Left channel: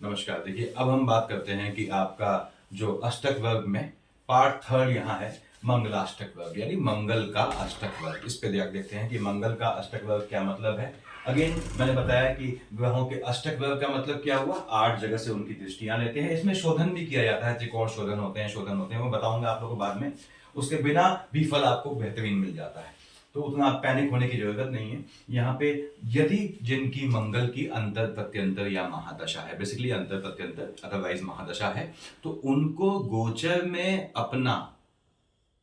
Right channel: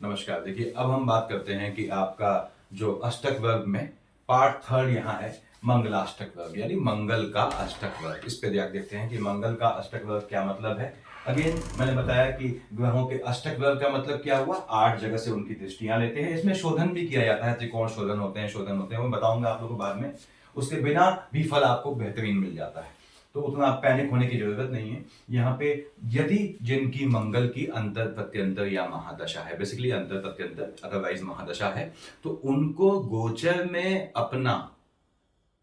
नमस्कार। देखिए, अब हम बात करते हैं कि आपका जो अष्टक वर्ग में पार्ट थर्ड यहाँ है मंगलाष्टक वर्ग यानी मंगल का अष्टक वर्ग। इस पे देखते हैं कि मंगल का अष्टक वर्ग क्या मतलब है। अगेन मैंने बताया कि ग्रहों के अष्टक वर्ग का मतलब क्या हुआ, 8 जगह से उनकी दृष्टियां लेते हैं। इसमें शोधन भी किया जाता है, त्रिकोण शोधन होते हैं, शोधन होते हैं, वो बताऊंगा आप लोगों को बाद में। उसके बिना भी फल आपको बेहतरीन मिल जाता है, तो उतना पैनिक होने की जरूरत नहीं है। यहाँ पे यदि जिनकी मंगल की अंतर प्रत्यंतर या महादशा है, बेसिकली अंतर प्रत्यंतर अदरवाइज महादशा है, तो उनको गोचर में अपना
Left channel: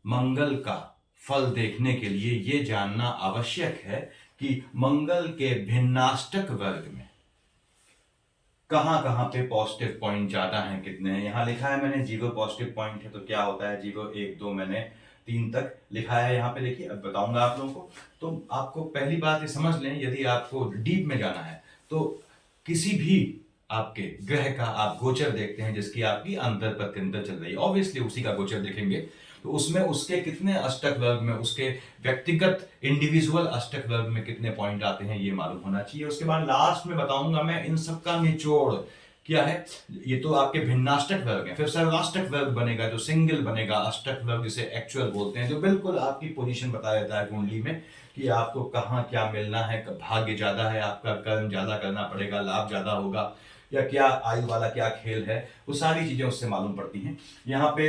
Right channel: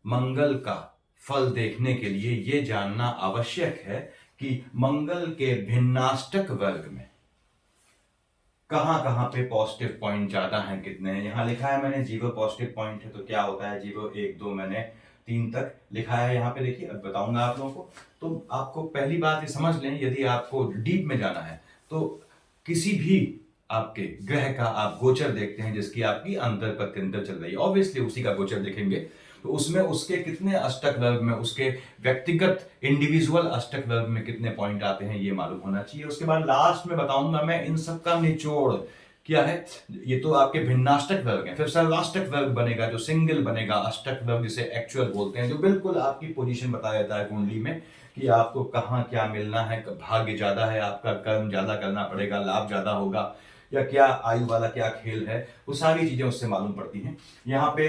मंगल का फल देखने के लिए ये जानना आवश्यक है कि मंगल के भिन्नाष्टक वर्ग में कहां कहां पे पॉजिटिव पॉइंट ज्यादा हैं, कितने हैं। यहां लिखा है मैंने 0 पॉजिटिव पॉइंट है, तो क्या होता है 0 1 2 मैंने 3 तक लिखा है यहाँ पे। देखिए अब बताऊंगा आप लोगों को। तो आपको पहली बात ये समझ लें, यदि आपको डीप में जाना है तो किसी भी आपके ग्रह का आप गोचर देखते हैं जिसकी आपकी अंतर प्रत्यंतर चल रही है, ऑब्वियसली उसी का गोचर देखेंगे, तो उसमें उसके कितने अष्टक वर्ग में, उसके व्यक्तिगत इंडिविजुअल अष्टक वर्ग में कितने पॉइंट आते हैं ये मालूम होना चाहिए। उसके बाद लास्ट में बताऊंगा मैं इन सब का निचोड़ क्या है। ये तो आपके भिन्नाष्टक वर्ग हैं, फिर सर्वाष्टक वर्ग बनेगा जो सिंगल बनेगा, अष्टक वर्ग जिसे एक्चुअल बोलते हैं, जो बिल्कुल आपकी पोजीशन बताया जाता है कुंडली में कि आपको कहाँ क्या मिलना है, भाग्य ज्यादा है, आपका कर्म ज्यादा करना पड़ेगा, लाभ ज्यादा होगा, या क्या आयु वाला क्या खेल है, वो सारी चीजें उससे मालूम पड़ती हैं। यहाँ पे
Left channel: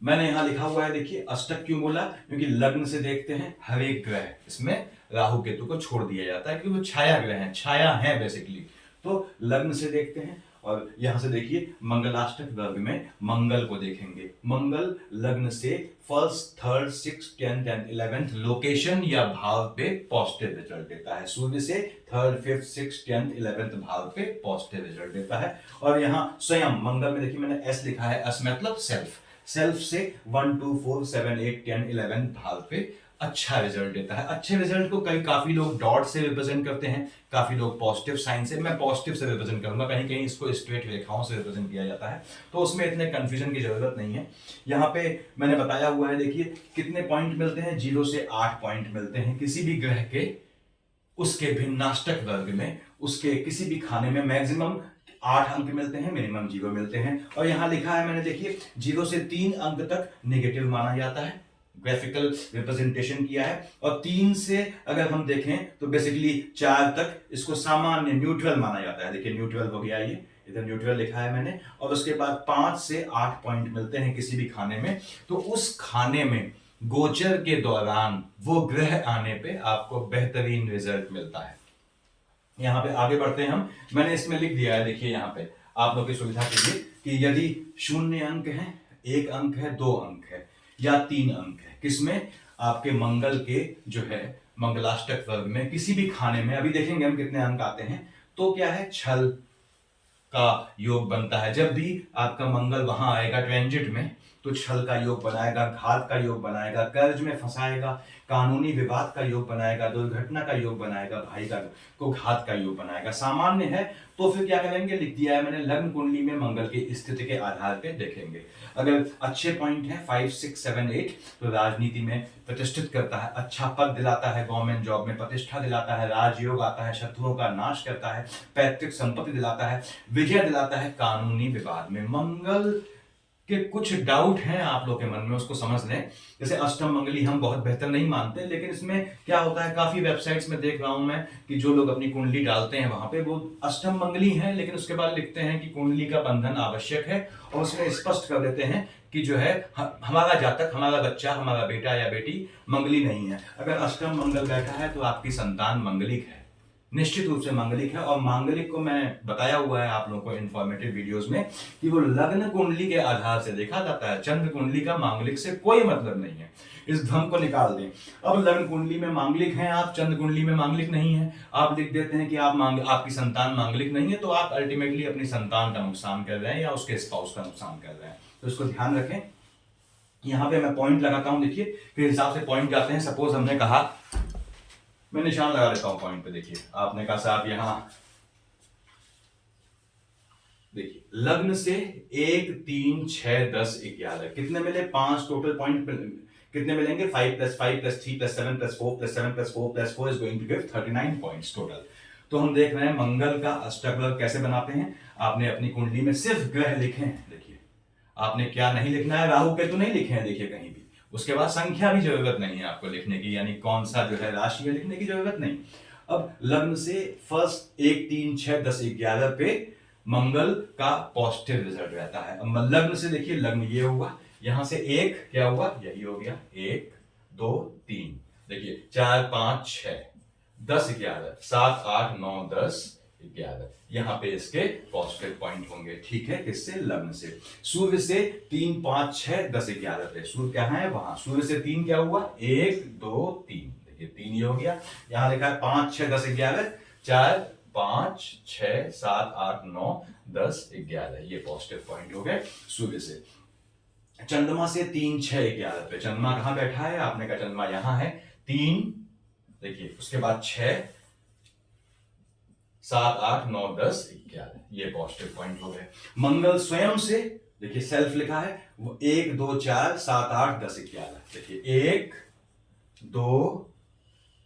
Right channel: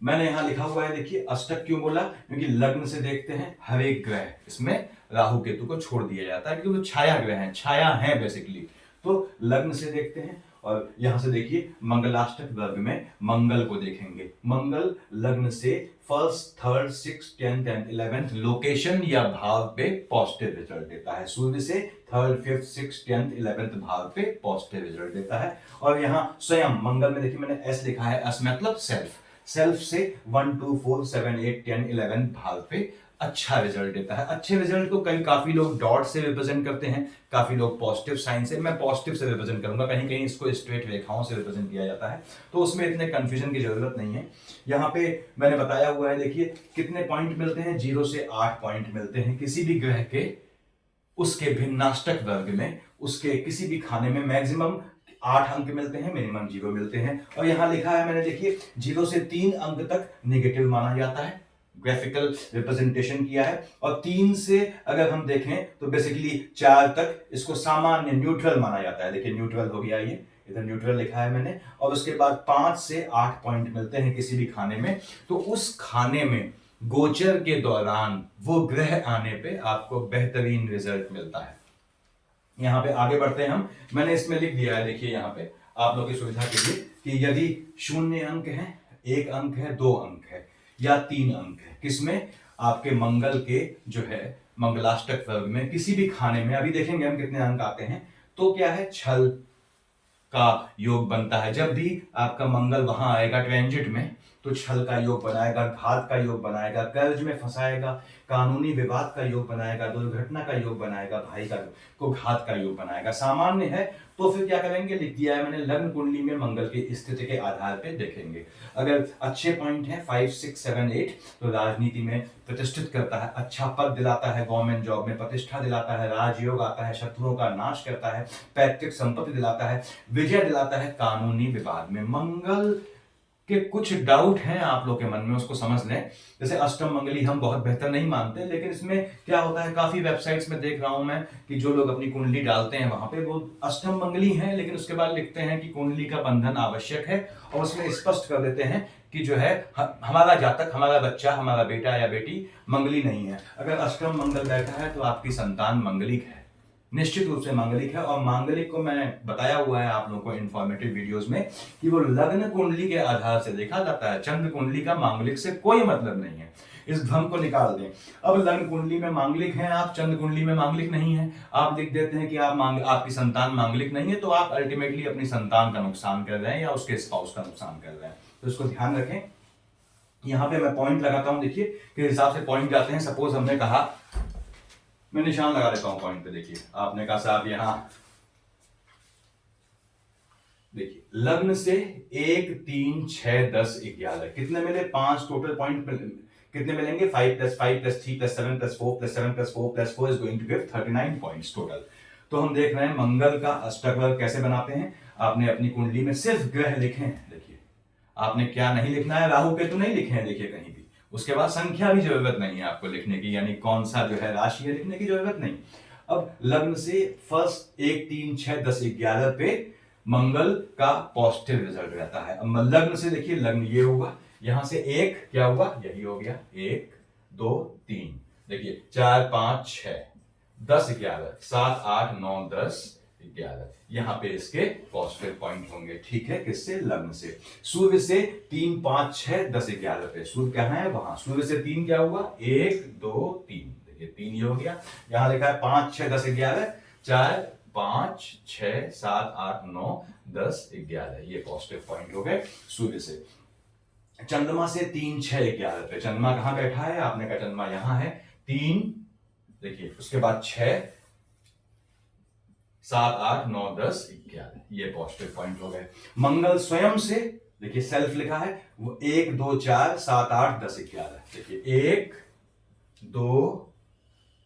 मैंने यहां लिखा हुआ है, देखिए अष्टक क्यों बोला, क्योंकि लग्न से देखते हैं हर एक ग्रह, इसमें राहु केतु को छोड़ दिया जाता है क्योंकि वो छाया ग्रह हैं, छाया है बेसिकली, तो लग्न से देखते हैं। और यहां से देखिए मंगलाष्टक वर्ग में मंगल को देखेंगे, मंगल लग्न से first third six tenth and 11th location या भाव पे पॉजिटिव रिजल्ट देता है। सूर्य से third fifth six tenth 11th भाव पे पॉजिटिव रिजल्ट देता है। और यहाँ स्वयं मंगल में देखिए मैंने एस लिखा है, एस मतलब सेल्फ, सेल्फ से 1 2 4 7 8 10 11 भाव पे अच्छा रिजल्ट देता है। अच्छे रिजल्ट को कई काफी लोग डॉट से रिप्रेजेंट करते हैं, काफी लोग पॉजिटिव साइन से, मैं पॉजिटिव से रिप्रेजेंट करूंगा, कहीं कहीं इसको स्ट्रेट रेखाओं से रिप्रेजेंट किया जाता है, तो उसमें इतने कंफ्यूजन की जरूरत नहीं है। यहाँ पे मैंने बताया हुआ है, देखिए कितने पॉइंट मिलते हैं, 0 से 8 पॉइंट मिलते हैं किसी भी ग्रह के उसके भिन्नाष्टक वर्ग में, उसके किसी भी खाने में मैक्सिमम 8 अंक मिलते हैं, मिनिमम 0 मिलते हैं। और यहां लिखा है मैंने, देखिए 0 से 3 अंक तक नेगेटिव माना जाता है, ग्राफिकल रिप्रेजेंटेशन किया है। और 3 से अगर हम देखें तो बेसिकली 4 तक इसको सामान्य न्यूट्रल माना जाता है। देखिए न्यूट्रल हो गया, ये इधर न्यूट्रल लिखा है मैंने। और उसके बाद 5 से 8 पॉइंट मिलते हैं किसी भी खाने में, तो उस खाने में गोचर के दौरान वो ग्रह आने पे आपको बेहतरीन रिजल्ट मिलता है। यहां पे आगे बढ़ते हैं हम, मैंने इसमें लिख दिया है, देखिए यहां पे आप लोग की सुविधा के लिए कि यदि 0 अंक है, 1 अंक है, 2 अंक है या 3 अंक है, किसमें, आपके मंगल के जो है मंगलाष्टक वर्ग में किसी भी खाने में, अभी देखेंगे हम कितने अंक आते हैं, तो क्या है छल का योग बनता है। जब भी आपका मंगल वहां आएगा ट्रांजिट में, तो छल का योग बनाएगा, घात का योग बनाएगा, कर्ज में फंसाएगा, कानूनी विवाद का योग बनाएगा, दुर्घटना का योग बनाएगा, भाई का को घात का योग बनाएगा। सामान्य है तो फिर क्या करेंगे, लिख दिया है मैंने, लग्न कुंडली में मंगल की स्थिति के आधार पर देखेंगे। अगर अच्छे पॉइंट है 5 6 7 8, तो राजनीति में प्रतिष्ठित करता है, अच्छा पद दिलाता है, गवर्नमेंट जॉब में प्रतिष्ठा दिलाता है, राजयोग आता है, शत्रुओं का नाश करता है, पैतृक संपत्ति दिलाता है, विजय दिलाता है कानूनी विवाद में। मंगल के कुछ डाउट हैं आप लोग के मन में, उसको समझ लें। जैसे अष्टम मंगली हम बहुत बेहतर नहीं मानते, लेकिन इसमें क्या होता है, काफी वेबसाइट्स में देख रहा हूं मैं कि जो लोग अपनी कुंडली डालते हैं वहां पे वो अष्टम मंगली है, लेकिन उसके बाद लिखते हैं कि कुंडली का बंधन आवश्यक है, और उसमें स्पष्ट कर देते हैं कि जो है हमारा जातक, हमारा बच्चा, हमारा बेटा या बेटी मंगली नहीं है। अगर अष्टम मंगल बैठा है तो आपकी संतान मंगलिक है, निश्चित रूप से मांगलिक है। और मांगलिक को मैंने बताया हुआ है आप लोगों को इन्फॉर्मेटिव वीडियोस में कि वो लग्न कुंडली के आधार से देखा जाता है, चंद्र कुंडली का मांगलिक से कोई मतलब नहीं है, इस भ्रम को निकाल दें। अब लग्न कुंडली में मांगलिक हैं आप, चंद्र कुंडली में मांगलिक नहीं है, आप लिख देते हैं कि आपकी संतान मांगलिक नहीं है, तो आप अल्टीमेटली अपनी संतान का नुकसान कर रहे हैं या उसके स्पाउस का नुकसान कर रहे हैं, तो इसको ध्यान रखें। यहां पे मैं पॉइंट लगाता हूं, देखिए किस हिसाब से पॉइंट जाते हैं। सपोज हमने कहा, मैं निशान लगा देता हूं पॉइंट पे, देखिए आपने कहा साहब यहां देखिए लग्न से 1 3 6 10 11 कितने मिले, 5 टोटल पॉइंट कितने मिलेंगे, 5 + 5 + 3 + 7 + 4 + 7 + 4 + 4 is going to give 39 points total. तो हम देख रहे हैं मंगल का अष्टक वर्ग कैसे बनाते हैं। आपने अपनी कुंडली में सिर्फ ग्रह लिखे हैं, देखिए आपने क्या नहीं लिखना है, राहु केतु नहीं लिखे हैं देखिए कहीं भी। उसके बाद संख्या भी जरूरत नहीं है आपको लिखने की, यानी कौन सा जो है राशि है लिखने की जरूरत नहीं। अब लग्न से फर्स्ट 1 3 6 10 11 पे मंगल का पॉजिटिव रिजल्ट रहता है। अब लग्न से देखिए, लग्न ये हुआ, यहां से एक क्या हुआ, यही हो गया 1 2 3, देखिए 4 5 6 10 11 7 8 9 10 11, यहां पे इसके पॉजिटिव पॉइंट होंगे। ठीक है, किससे, लग्न से। सूर्य से 3 5 6 10 11 पे, सूर्य कहां है, वहां। सूर्य से 3 क्या हुआ, 1 2 3, देखिए 3 ये हो गया। यहां लिखा है 5 6 10 11, 4 5 6 7 8 9 10 11, ये पॉजिटिव पॉइंट हो गए सूर्य से। चंद्रमा से 3 6 11 पे, चंद्रमा कहां बैठा है, आपने कहा चंद्रमा यहां है, 3, देखिए उसके बाद 6 7 8 9 10 11, ये पॉजिटिव पॉइंट हो गए। मंगल स्वयं से देखिए, सेल्फ लिखा है, वो 1 2 4 7 8 10 11, देखिए 1 2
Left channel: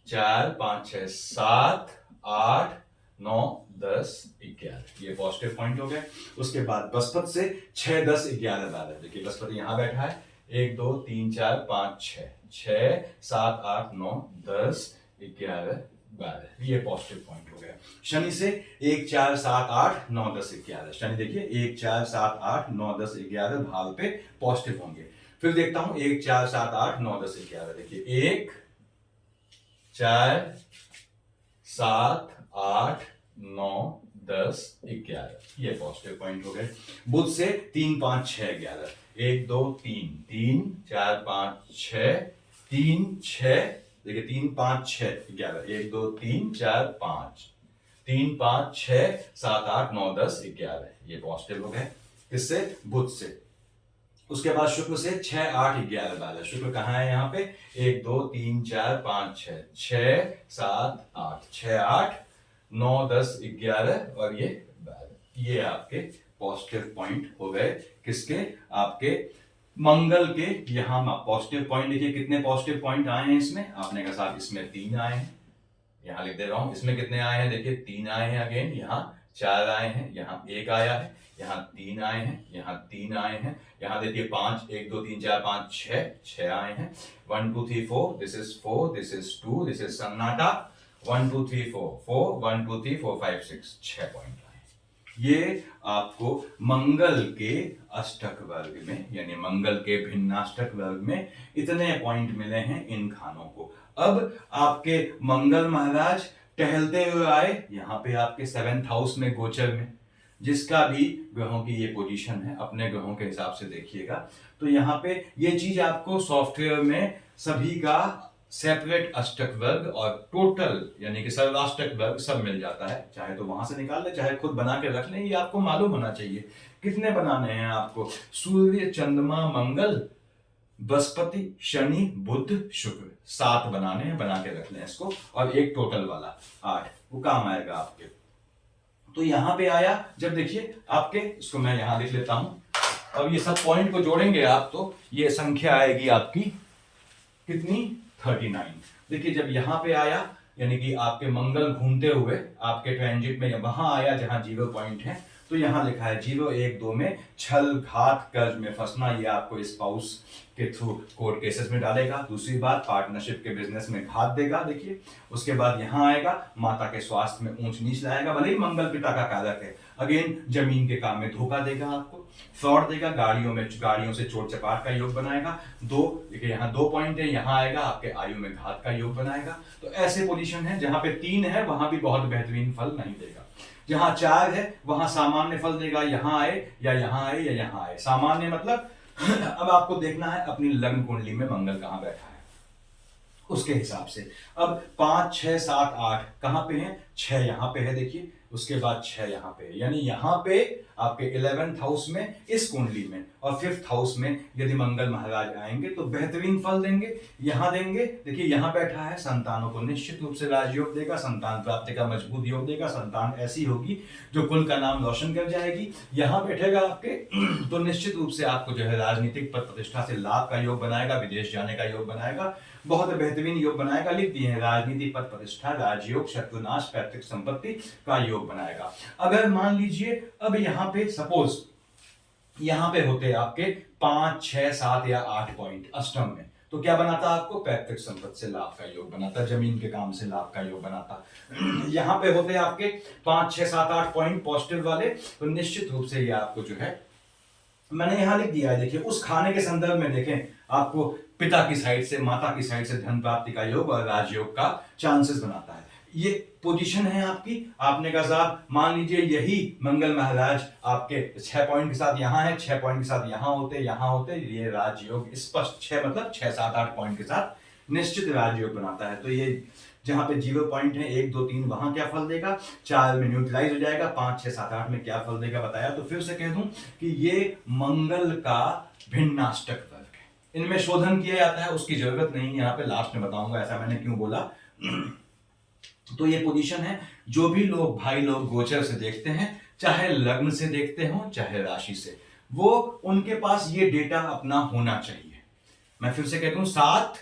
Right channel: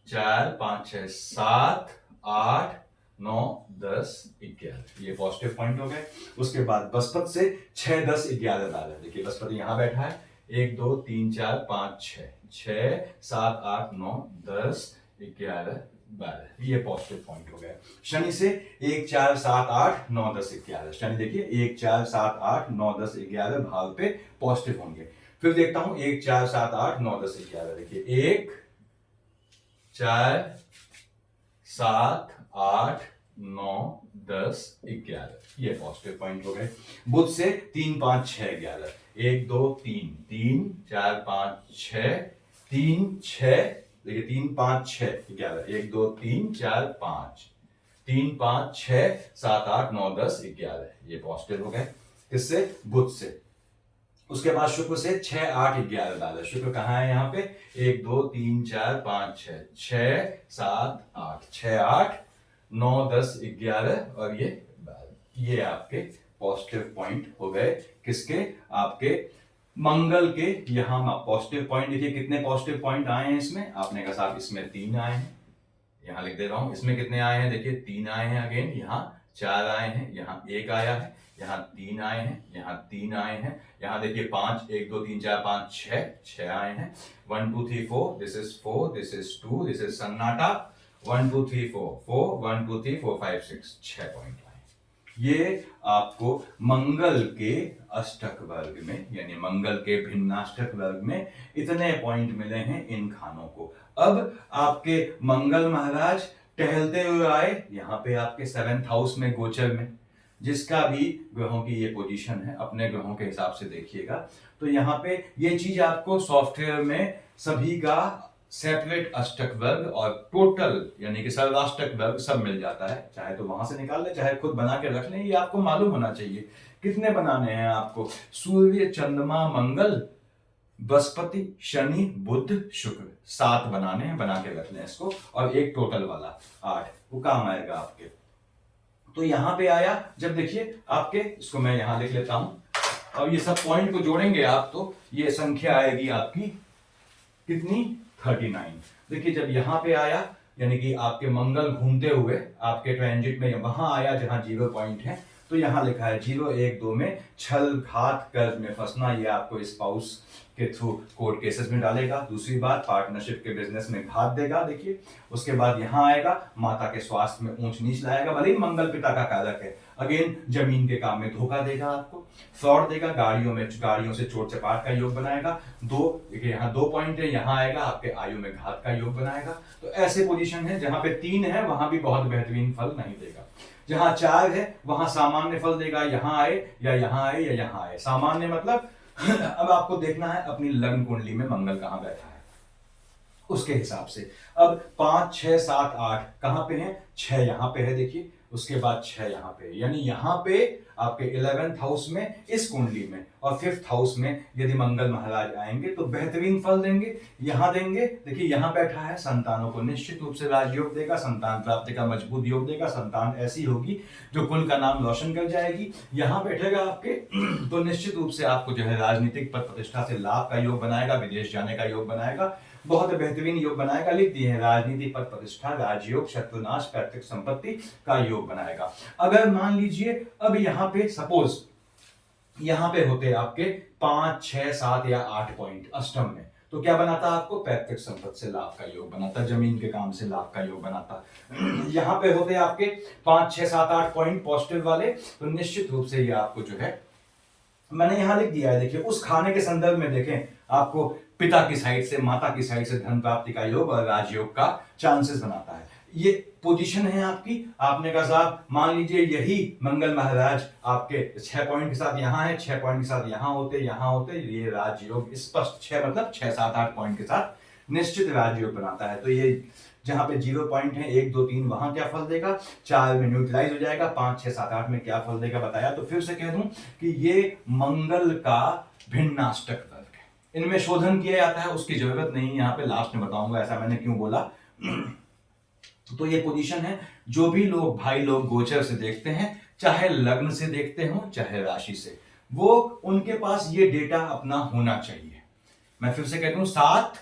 4 5 6 7 8 9 10 11, ये पॉजिटिव पॉइंट हो गए। उसके बाद बृहस्पति से 6 10 11 12, देखिए बृहस्पति यहां बैठा है, 1 2 3 4 5 6 6 7 8 9 10 11 12, ये पॉजिटिव पॉइंट हो गया। शनि से 1 4 7 8 9 10 11, शनि देखिए 1 4 7 8 9 10 11 भाव पे पॉजिटिव होंगे। फिर देखता हूं 1 4 7 8 9 10 11, देखिए 1 4 7 8 9 10 11, ये पॉजिटिव पॉइंट हो गए। बुध से 3 5 6 11, 1 2 3 3 4 5 6 3 6, देखिए 3 5 6 11, 1 2 3 4 5 3 5 6 7 8 9 10 11, ये पॉजिटिव हो गए किससे, बुध से। उसके बाद शुक्र से 6 8 11 12, शुक्र कहां है, यहाँ पे 1 2 3 4 5 6 6 7 8 6 8 9 10 11 और ये 12, ये आपके पॉजिटिव पॉइंट हो गए किसके, आपके मंगल के। यहां पॉजिटिव पॉइंट देखिए, कितने पॉजिटिव पॉइंट आए हैं इसमें, आपने कहा साहब इसमें 3 आए हैं, यहां लिख दे रहा हूं, इसमें कितने आए हैं, देखिए 3 आए हैं, अगेन यहाँ 4 आए हैं, यहाँ 1 आया है, यहाँ 3 आए हैं, यहाँ 3 आए हैं, यहाँ देखिए 5 1 2 3 4 5 6 आए हैं, 1 2 3 4, this is 4, this is 2, this is सन्नाटा, 1 2 3 4 4 1 2 3 4 5 6 पॉइंट आए। ये आपको मंगल के अष्टक वर्ग में, यानी मंगल के भिन्नाष्टक वर्ग में इतने पॉइंट मिले हैं इन खानों को। अब आपके मंगल महाराज टहलते हुए आए यहाँ पे आपके 7th हाउस में, गोचर में, जिसका भी ग्रहों की ये पोजीशन है, अपने ग्रहों के हिसाब से देखिएगा। तो यहाँ पे ये चीज आपको सॉफ्टवेयर में सभी का सेपरेट अष्टक वर्ग और टोटल यानी कि सर्वाष्टक वर्ग सब मिल जाता है, चाहे तो वहां से निकाल ले, चाहे खुद बना के रख ले, ये आपको मालूम होना चाहिए। कितने बनाने हैं आपको, सूर्य चंद्रमा मंगल बृहस्पति शनि बुध शुक्र, 7 बनाने हैं, बना के रख लें इसको, और एक टोटल वाला 8, वो काम आएगा आपके। तो यहां पे आया जब, देखिए आपके, इसको मैं यहां लिख लेता हूं, और ये सब पॉइंट को जोड़ेंगे आप तो ये संख्या आएगी आपकी कितनी, 39। देखिए जब यहां पे आया यानी कि आपके मंगल घूमते हुए आपके ट्रांजिट में वहां आया जहां 0 पॉइंट है, तो यहां लिखा है 0 1 2 में छल घात कर्ज में फंसना, ये आपको स्पाउस के थ्रू कोर्ट केसेस में डालेगा। दूसरी बात, पार्टनरशिप के बिजनेस में घात देगा, देखिए। उसके बाद यहां आएगा माता के स्वास्थ्य में ऊंच नीच लाएगा, भले ही मंगल पिता का कारक है। अगेन जमीन के काम में धोखा देगा आपको, फ्रॉड देगा, गाड़ियों से चोट चपाट का योग बनाएगा। देखिए यहाँ 2 पॉइंट है, यहाँ आएगा आपके आयु में घात का योग बनाएगा। तो ऐसे पोजीशन है जहां पे 3 है वहां भी बहुत बेहतरीन फल नहीं देगा, जहां 4 है वहां सामान्य फल देगा, यहां आए या यहां आए या यहां आए, सामान्य मतलब अब आपको देखना है अपनी लग्न कुंडली में मंगल कहां बैठा है उसके हिसाब से। अब 5 6 7 8 कहां पे है, 6 यहां पे है, देखिए। उसके बाद 6 यहां पे, यानी यहां पे आपके 11th हाउस में इस कुंडली में और 5th हाउस में यदि मंगल महाराज आएंगे तो बेहतरीन फल देंगे। यहां देंगे, देखिए यहां बैठा है, संतानों को निश्चित रूप से राजयोग देगा, संतान प्राप्ति का मजबूत योग देगा, संतान ऐसी होगी जो कुल का नाम रोशन कर जाएगी। यहां बैठेगा आपके तो निश्चित रूप से आपको जो है राजनीतिक पद प्रतिष्ठा से लाभ का योग बनाएगा, विदेश जाने का योग बनाएगा। बहुत बेहतरीन योग बनाएगा, लिख दिए हैं राजनीति, पद प्रतिष्ठा, राजयोग, शत्रुनाश, पैतृक संपत्ति का योग बनाएगा। अगर मान लीजिए अब यहाँ पे सपोज यहाँ पे होते आपके 5, 6, 7 या 8 पॉइंट अष्टम में, तो क्या बनाता आपको पैतृक संपत्ति से लाभ का योग बनाता, जमीन के काम से लाभ का योग बनाता। यहाँ पे होते आपके 5, 6, 7, 8 पॉइंट पॉजिटिव वाले, तो निश्चित रूप से ये आपको जो है मैंने यहां लिख दिया है, देखिए उस खाने के संदर्भ में देखें आपको पिता की साइड से, माता की साइड से धन प्राप्ति का योग और राजयोग का चांसेस बनाता है। ये पोजीशन है आपकी। आपने कहा साहब मान लीजिए यही मंगल महाराज आपके 6 पॉइंट के साथ यहाँ है, 6 पॉइंट के साथ यहाँ होते, ये राजयोग स्पष्ट 6 मतलब 6, 7, 8 पॉइंट के साथ निश्चित राजयोग बनाता है। तो ये जहां पे 0 पॉइंट है 1, 2, 3 वहां क्या फल देगा, 4 में न्यूट्रलाइज हो जाएगा, 5, 6, 7, 8 में क्या फल देगा बताया। तो फिर से कह दूं कि ये मंगल का भिन्नाष्टक वर्ग है, इनमें शोधन किया जाता है, उसकी जरूरत नहीं, यहाँ पे लास्ट में बताऊंगा ऐसा मैंने क्यों बोला। तो ये पोजीशन है। जो भी लोग भाई लोग गोचर से देखते हैं, चाहे लग्न से देखते हो चाहे राशि से, वो उनके पास ये डेटा अपना होना चाहिए। मैं फिर से कहता हूं 7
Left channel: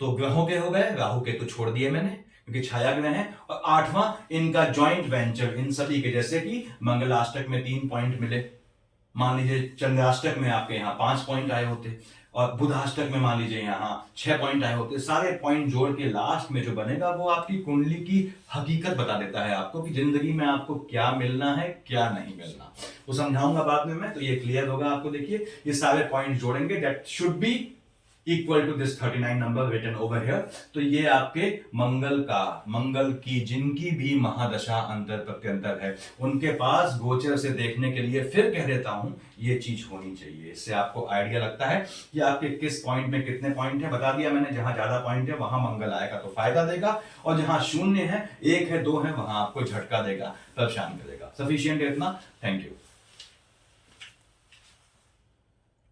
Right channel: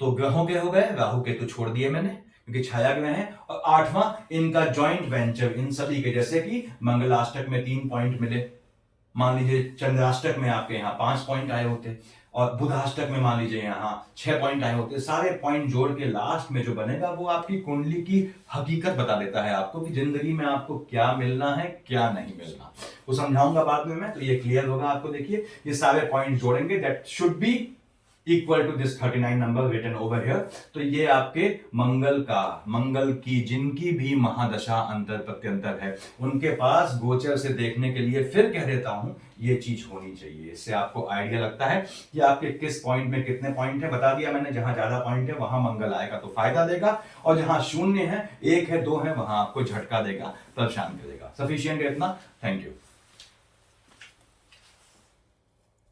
तो ग्रहों के हो गए, राहु के तो छोड़ दिए मैंने क्योंकि छाया ग्रह है, और 8वां इनका ज्वाइंट वेंचर इन सभी के, जैसे कि मंगलाष्टक में 3 पॉइंट मिले, मान लीजिए चंद्राष्टक में आपके यहाँ 5 पॉइंट आए होते, और बुधाष्टक में मान लीजिए यहाँ 6 पॉइंट आए होते, सारे पॉइंट जोड़ के लास्ट में जो बनेगा वो आपकी कुंडली की हकीकत बता देता है आपको कि जिंदगी में आपको क्या मिलना है क्या नहीं मिलना। वो समझाऊंगा बाद में मैं, तो ये क्लियर होगा आपको। देखिए ये सारे पॉइंट जोड़ेंगे, that should be equal to this 39 number written over here. तो ये आपके मंगल की जिनकी भी महादशा अंतर प्रत्यंतर है, उनके पास गोचर से देखने के लिए फिर कह देता हूं ये चीज होनी चाहिए। इससे आपको आइडिया लगता है कि आपके किस पॉइंट में कितने पॉइंट है, बता दिया मैंने। जहां ज्यादा पॉइंट है वहां मंगल आएगा तो फायदा देगा, और जहां शून्य है, 1 है, 2 है, वहां आपको झटका देगा, परेशान करेगा। सफिशिएंट है इतना। Thank you.